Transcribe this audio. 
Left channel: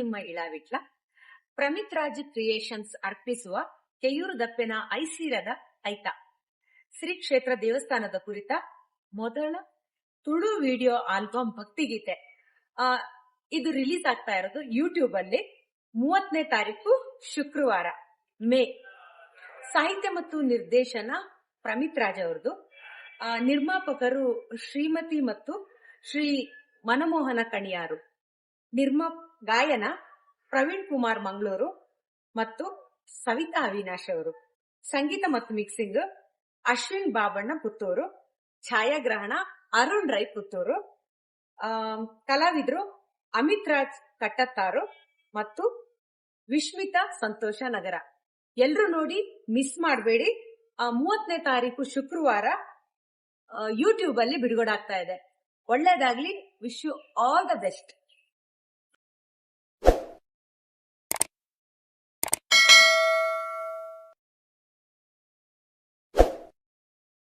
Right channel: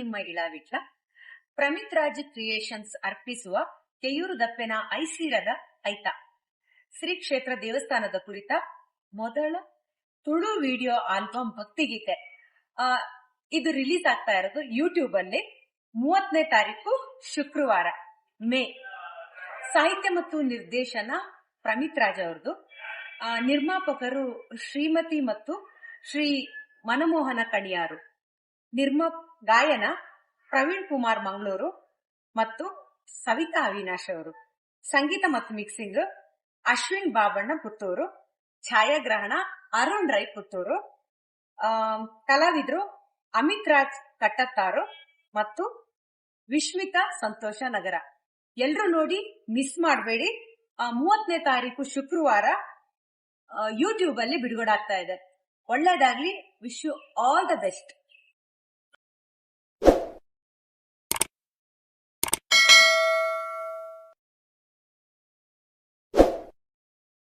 ನಿಮ್ಮ ಇಳಾವಿಟ್ಲ. ಪ್ರಮಿತ್ ರಾಜ್ ಕ್ರಿಯೇಷನ್ಸ್ ಅರ್ಪಿಸುವ ಕೆಯೂರು ದಪ್ಪೆನ ಐಸಿರದ ಐತ ಶ್ರೀ ಕ್ಷೇತ್ರ ದೇವಸ್ಥಾನದ ಕುರಿತ ಮೊದಲ ತುಳು ವಿಡಿಯೋ ಆಲ್ಬಮ್ ಭಕ್ತಿಗೀತೆ. ಇದು ರಿಲೀಸ್ ಆಗ್ತಾ ಇರೋದು ಯೂಟ್ಯೂಬ್ ಅಲ್ಲಿ 30ನೇ ತಾರೀಕು ಶುಕ್ರವಾರ ಮೇ. ಸಾಹಿತ್ಯ ಮತ್ತು ನಿರ್ದೇಶನ ಪ್ರಮಿತ್ ರಾಜ್ ಅವರದು. ನಿರ್ಮಾಪಕರು ಶ್ರೀಮತಿ ಮತ್ತು ಶ್ರೀ ಮನಮೋಹನ ಕಣಿಯಾರು. ಗಾಯನ ಪ್ರವೀಣ್ ಕುಮಾರ್ ಮಂಗಳೂರು ಮತ್ತು ಸವಿತಾ ಅವಿನಾಶ್ ಅವರು. ಸಂಗೀತ ಮತ್ತು ಮಿಕ್ಸಿಂಗ್ ಅಶ್ವಿನ್ ಬಾಬಣ್ಣ ಪುತ್ತೂರು. ಛಾಯಾಗ್ರಹಣ ಅರುಣ್ ರೈ ಪುತ್ತೂರು. ಕಲಾವಿದರು ಅಮಿತ್ ರಾಜ್ ಕಟ್ಟತ್ತಾರು ಮತ್ತು ವಿಶ್ಮಿತಾ ಸಂತೋಷ ನಗರ. ಎಲ್ರು ನೋಡಿ ಮಿಸ್ ಮಾಡಬೇಡಿ. 30ನೇ ತಾರೀಕು ಶುಕ್ರವಾರ ಯೂಟ್ಯೂಬ್ ಅಲ್ಲಿ ಬಿಡುಗಡೆ ಆಗ್ತಾ ಇದೆ. ಒಳ್ಳೇದಾಗ್ಲಿ. Wish you all the best.